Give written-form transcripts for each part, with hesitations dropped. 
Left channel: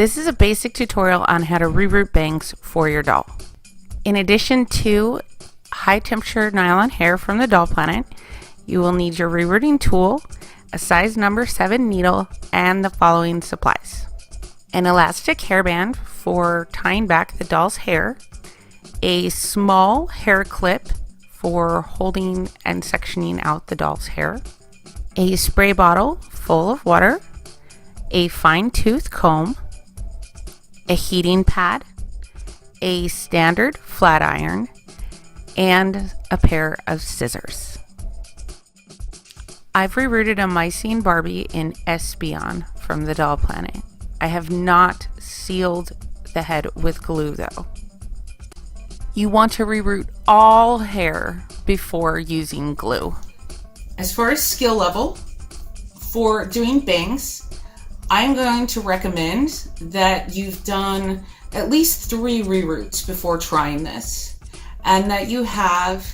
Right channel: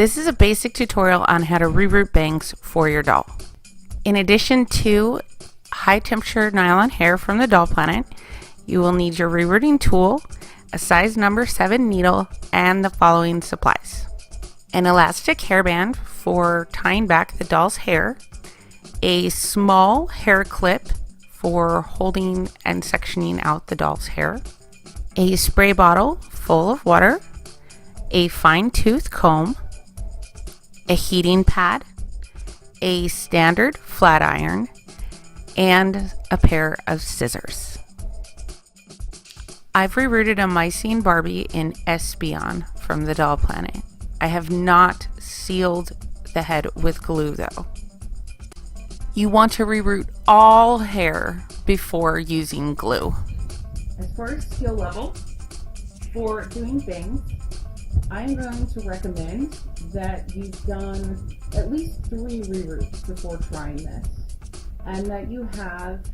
This is a basic tutorial on how to reroot bangs for your doll. In addition to high temperature nylon hair from the Doll Planet, you will need your rerouting tool, a size number 7 needle, and the following supplies. An elastic hairband for tying back the doll's hair, a small hair clip for holding and sectioning out the doll's hair, a spray bottle full of water, a fine-tooth comb, a heating pad, a standard flat iron, and a pair of scissors. I've rerouted a Mycene Barbie in Espeon from the Doll Planet. I have not sealed the head with glue though. You want to reroot all hair before using glue. As far as skill level for doing bangs, I'm going to recommend that you've done at least 3 reroots before trying this, and that you have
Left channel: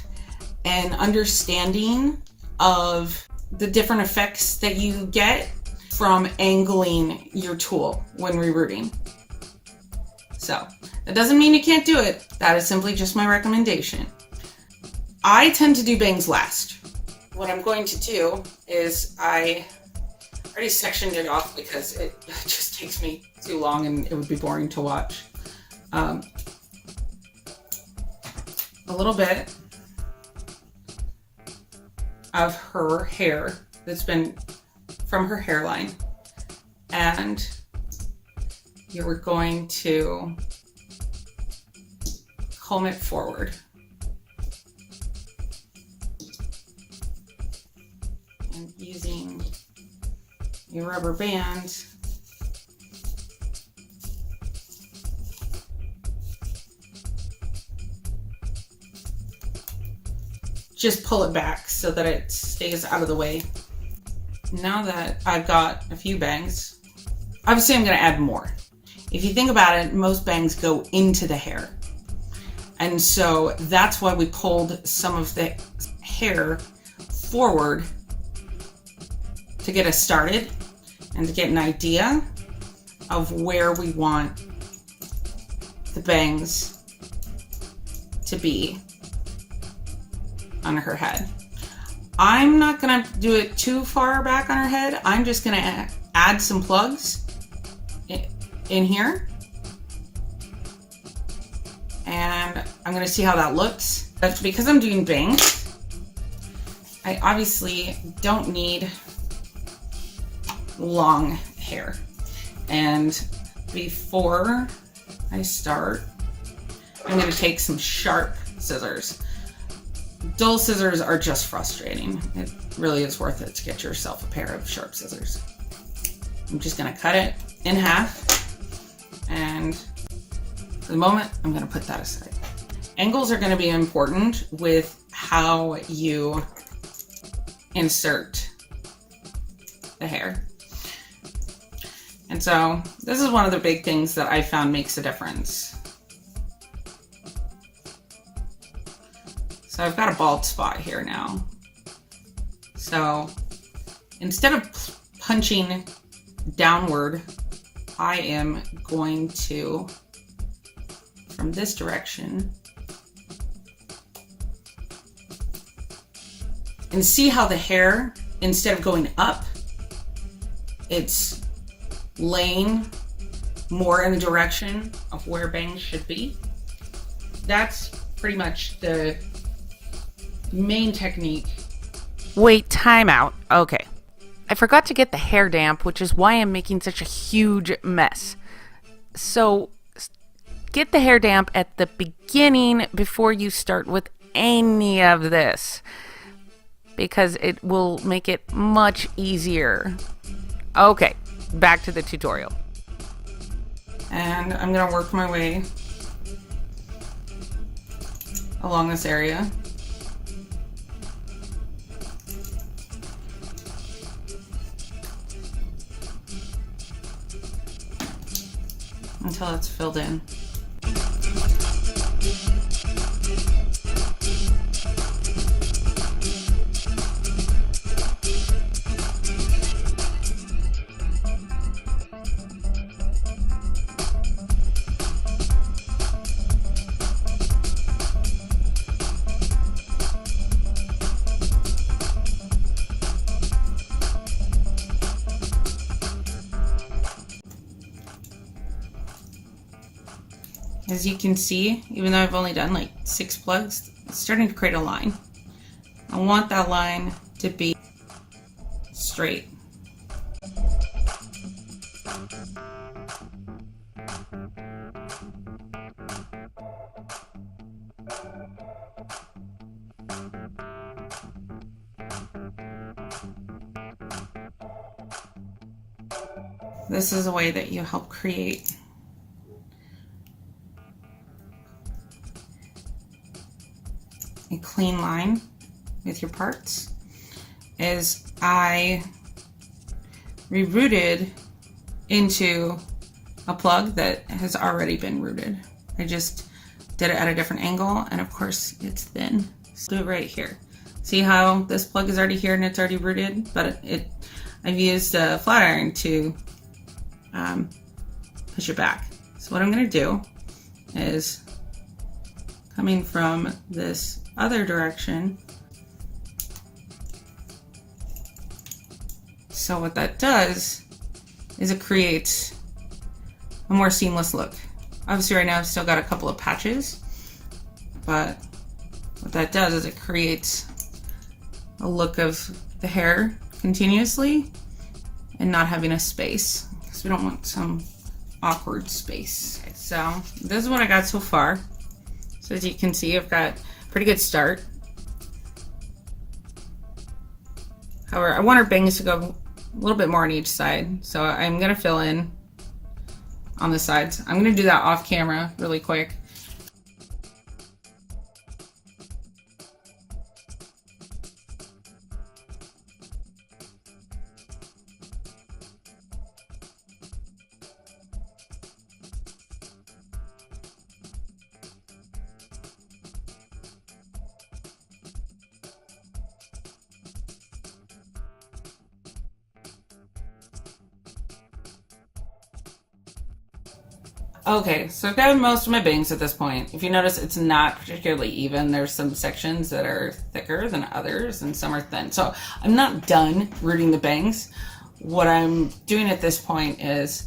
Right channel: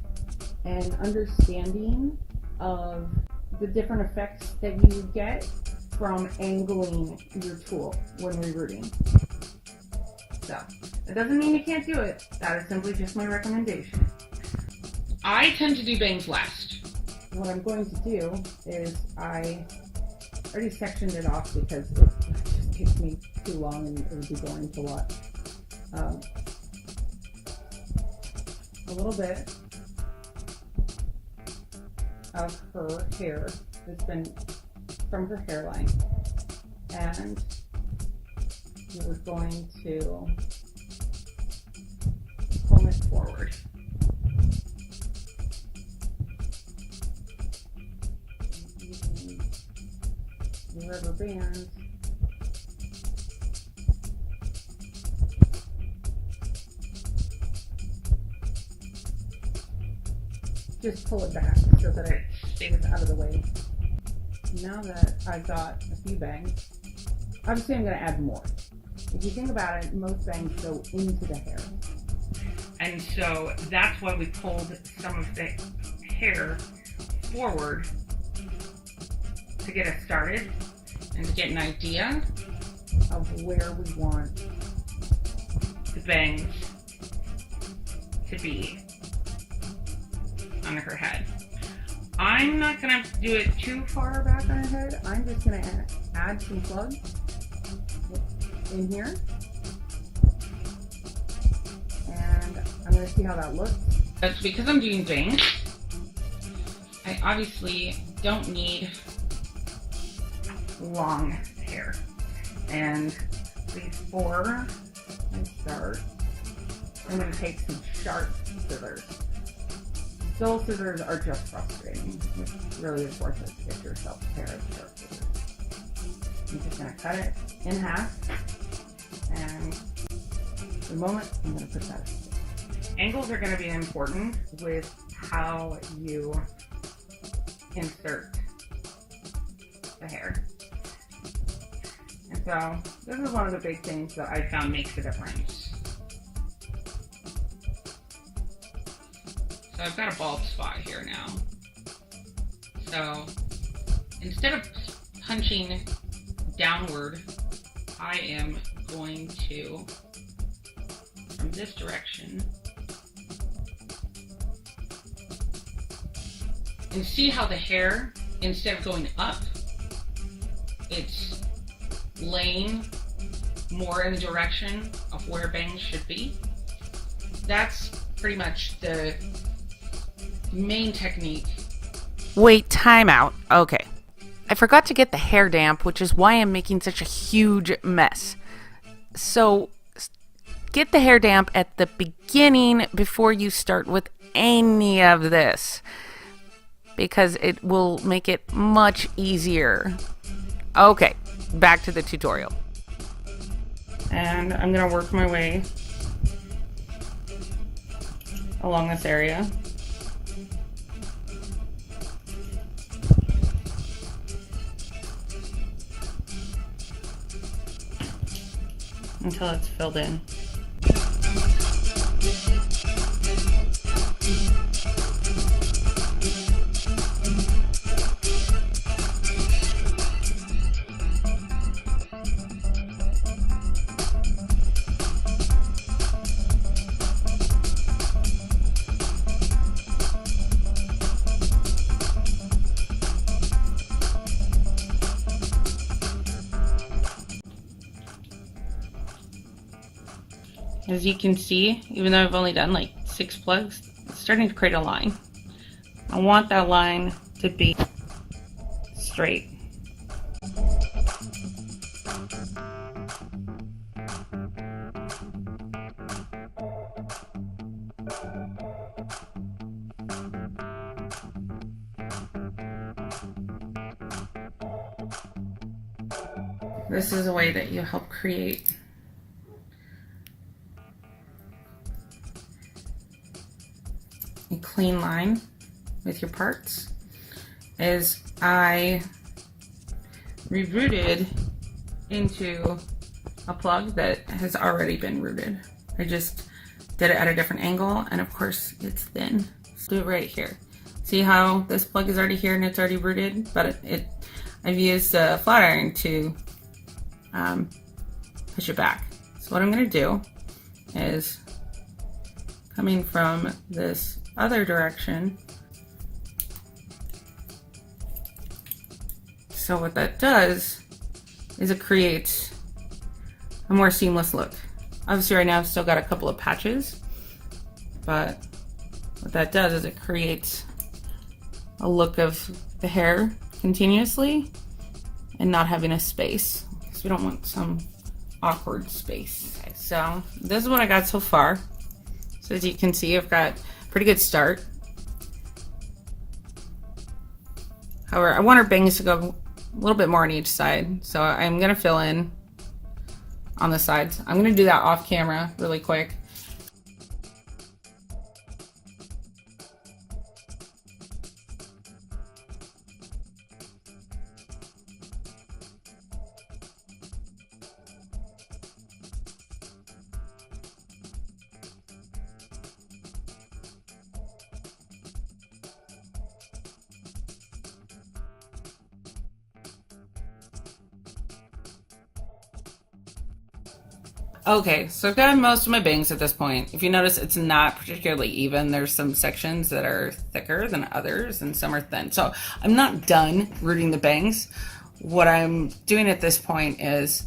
an understanding of the different effects that you get from angling your tool when rerouting. So that doesn't mean you can't do it. That is simply just my recommendation. I tend to do bangs last. What I'm going to do is I already sectioned it off because it just takes me too long and it would be boring to watch. A little bit of her hair that's been from her hairline, and you're going to comb it forward. And using your rubber band, just pull it back so that it stays out of the way. Now that I've got a few bangs, obviously I'm going to add more. If you think about it, most bangs go into the hair. And so that's why we pulled some of the hair forward to get us started and to get an idea of where we want the bangs to be on her head. I'm not gonna do it too far back on her head. I'm just gonna add some plugs in here, and I'm gonna see how that looks. But because I'm doing bangs, I obviously don't need long hair. And before I start, I'm gonna take some sharp scissors. Dull scissors are just frustrating. It really is worth it to get yourself a pair of sharp scissors. I'm just gonna cut it in half, and for the moment, I'm gonna put that aside. Angles are gonna be important with how you insert the hair. And so this is one of the big things that I found makes a difference. So I've got a bald spot here now. So instead of punching downward, I am going to, from this direction, and see how the hair, instead of going up, it's laying more in the direction of where bangs should be. That's pretty much the main technique. Wait, time out. Okay. I forgot to get the hair damp, which is why I'm making such a huge mess. So get the hair damp at the beginning before you start with any of this, because it will make it much easier. Okay, back to the tutorial. And I'm gonna work my way along this area. Until it's filled in. As you can see, even though I've only done like 6 plugs, it's starting to create a line. I want that line to be straight. This is a way that you help create a clean line with your parts. Is I rerouted into a plug that has already been routed. I just did it at a different angle, and of course it's thin. Let's do it right here. See how this plug is already here and it's already routed, but I've used a flat iron to push it back. So what I'm going to do is, coming from this other direction, so what that does is it creates a more seamless look. Obviously right now I've still got a couple of patches, but what that does is it creates a look of the hair continuously and not having a space, because we don't want some awkward space. So this is what I got so far. So as you can see, I've got a pretty good start. However, I want our bangs to go a little bit more on each side, so I'm going to fill in on the sides. I'm going to do that off camera really quick. Okay, so I've got most of my bangs at this point. If you notice, it's not particularly even. There's some sections that are thicker than others, and some are thin. So I'm not done rooting the bangs. What I'm doing at this point is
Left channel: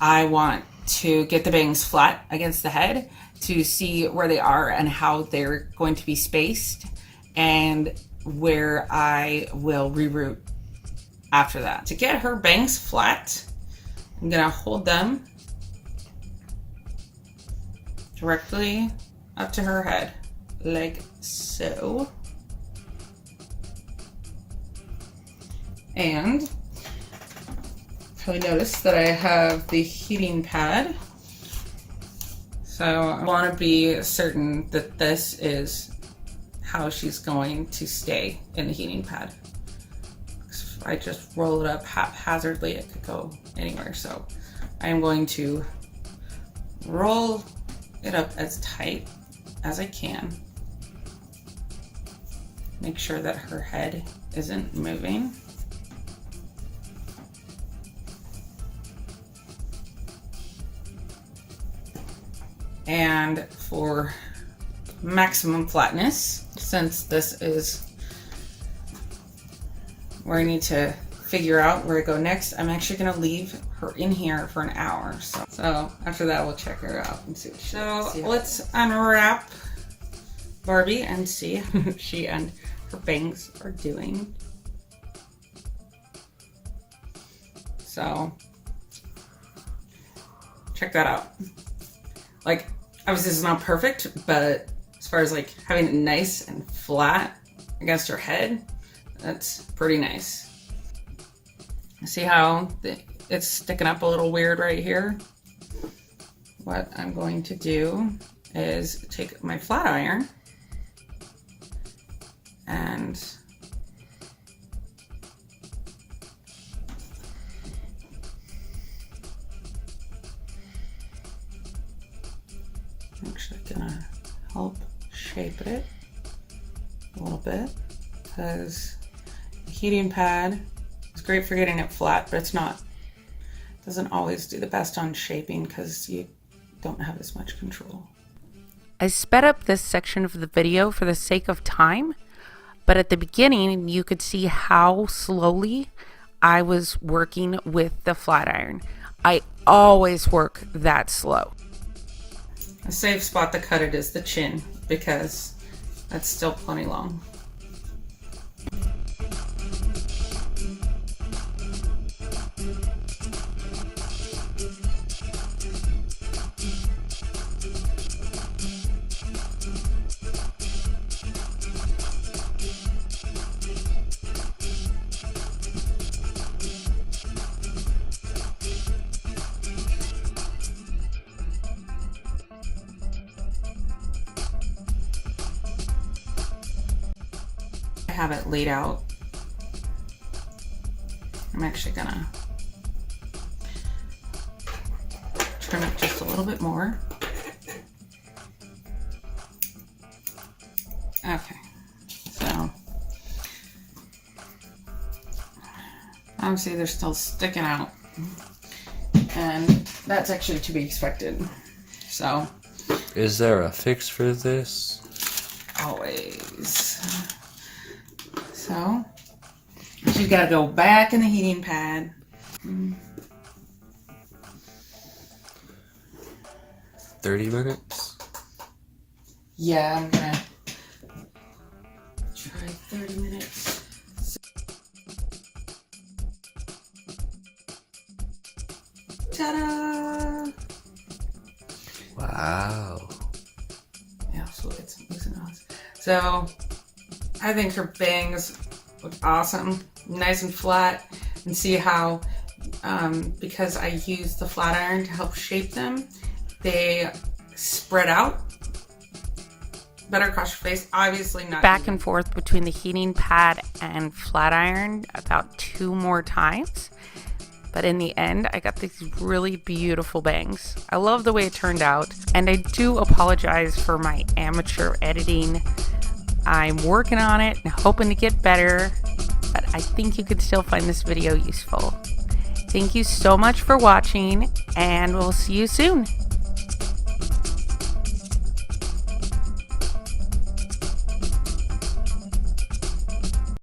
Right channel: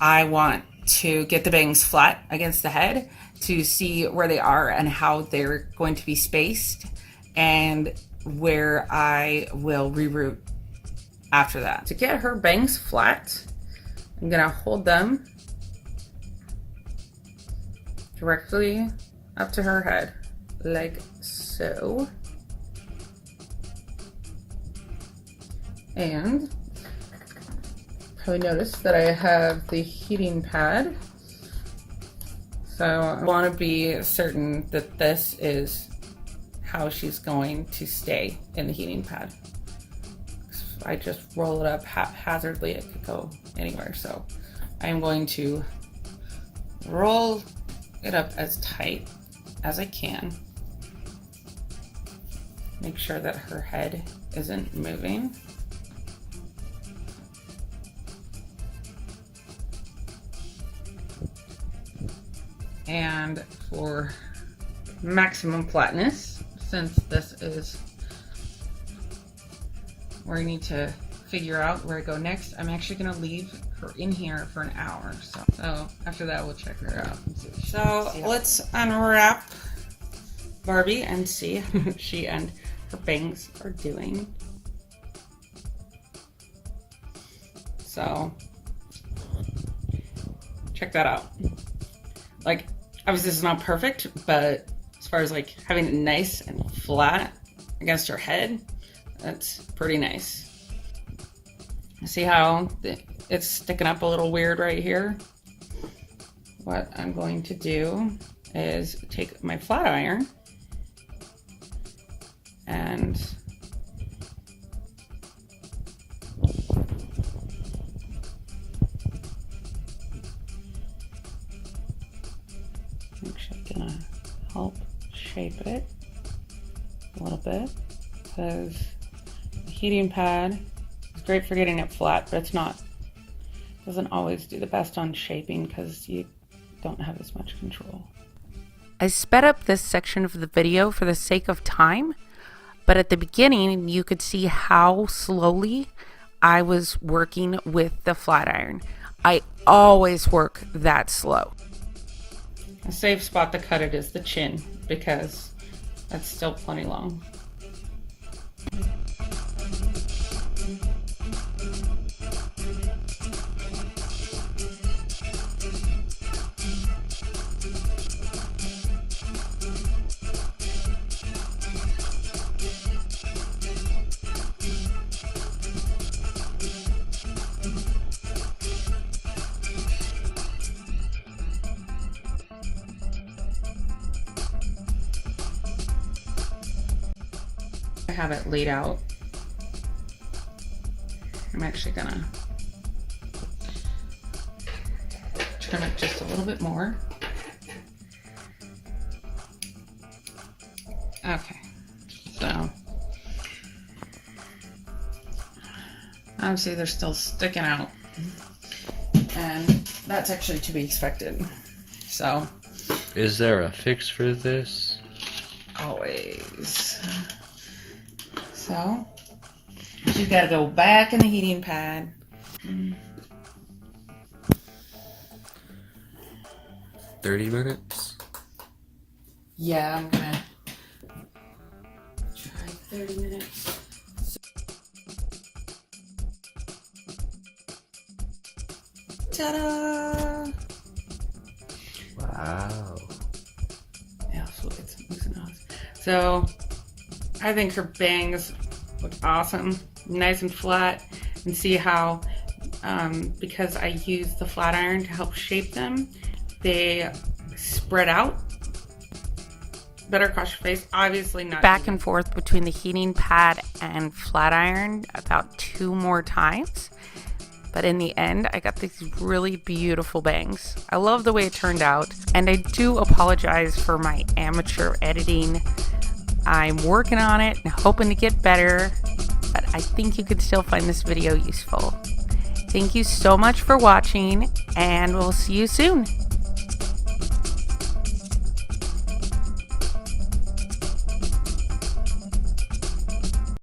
I want to get the bangs flat against the head to see where they are and how they're going to be spaced, and where I will reroot after that. To get her bangs flat, I'm gonna hold them directly up to her head, like so. And probably notice that I have the heating pad. So I want to be certain that this is how she's going to stay in the heating pad. If I just roll it up haphazardly, it could go anywhere. So I'm going to roll it up as tight as I can. Make sure that her head isn't moving. And for maximum flatness, since this is where I need to figure out where to go next, I'm actually going to leave her in here for an hour. So after that, we'll check her out and see. So let's unwrap Barbie and see how she and her bangs are doing. So check that out. Like, obviously this is not perfect, but as far as like having it nice and flat against her head, that's pretty nice. See how it's sticking up a little weird right here? What I'm going to do is take my flat iron and I'm actually gonna help shape it a little bit, because the heating pad is great for getting it flat, but doesn't always do the best on shaping because you don't have as much control. I sped up this section of the video for the sake of time, but at the beginning you could see how slowly I was working with the flat iron. I always work that slow. A safe spot to cut it is the chin because that's still plenty long. I have it laid out. I'm actually gonna turn it just a little bit more. Okay, so obviously they're still sticking out, and that's actually to be expected. So, is there a fix for this? Always. So, you gotta go back in the heating pad. 30 minutes? Yeah, I'm gonna try 30 minutes. Ta-da! Wow. Yeah, so I think her bangs look awesome, nice and flat, and see how because I use the flat iron to help shape them, they spread out better across your face. Obviously not back and forth between the heating pad and flat iron about 2 more times, but in the end I got these really beautiful bangs. I love the way it turned out, and I do apologize for my amateur editing. I'm working on it and hoping to get better, but I think you could still find this video useful. Thank you so much for watching, and we'll see you soon.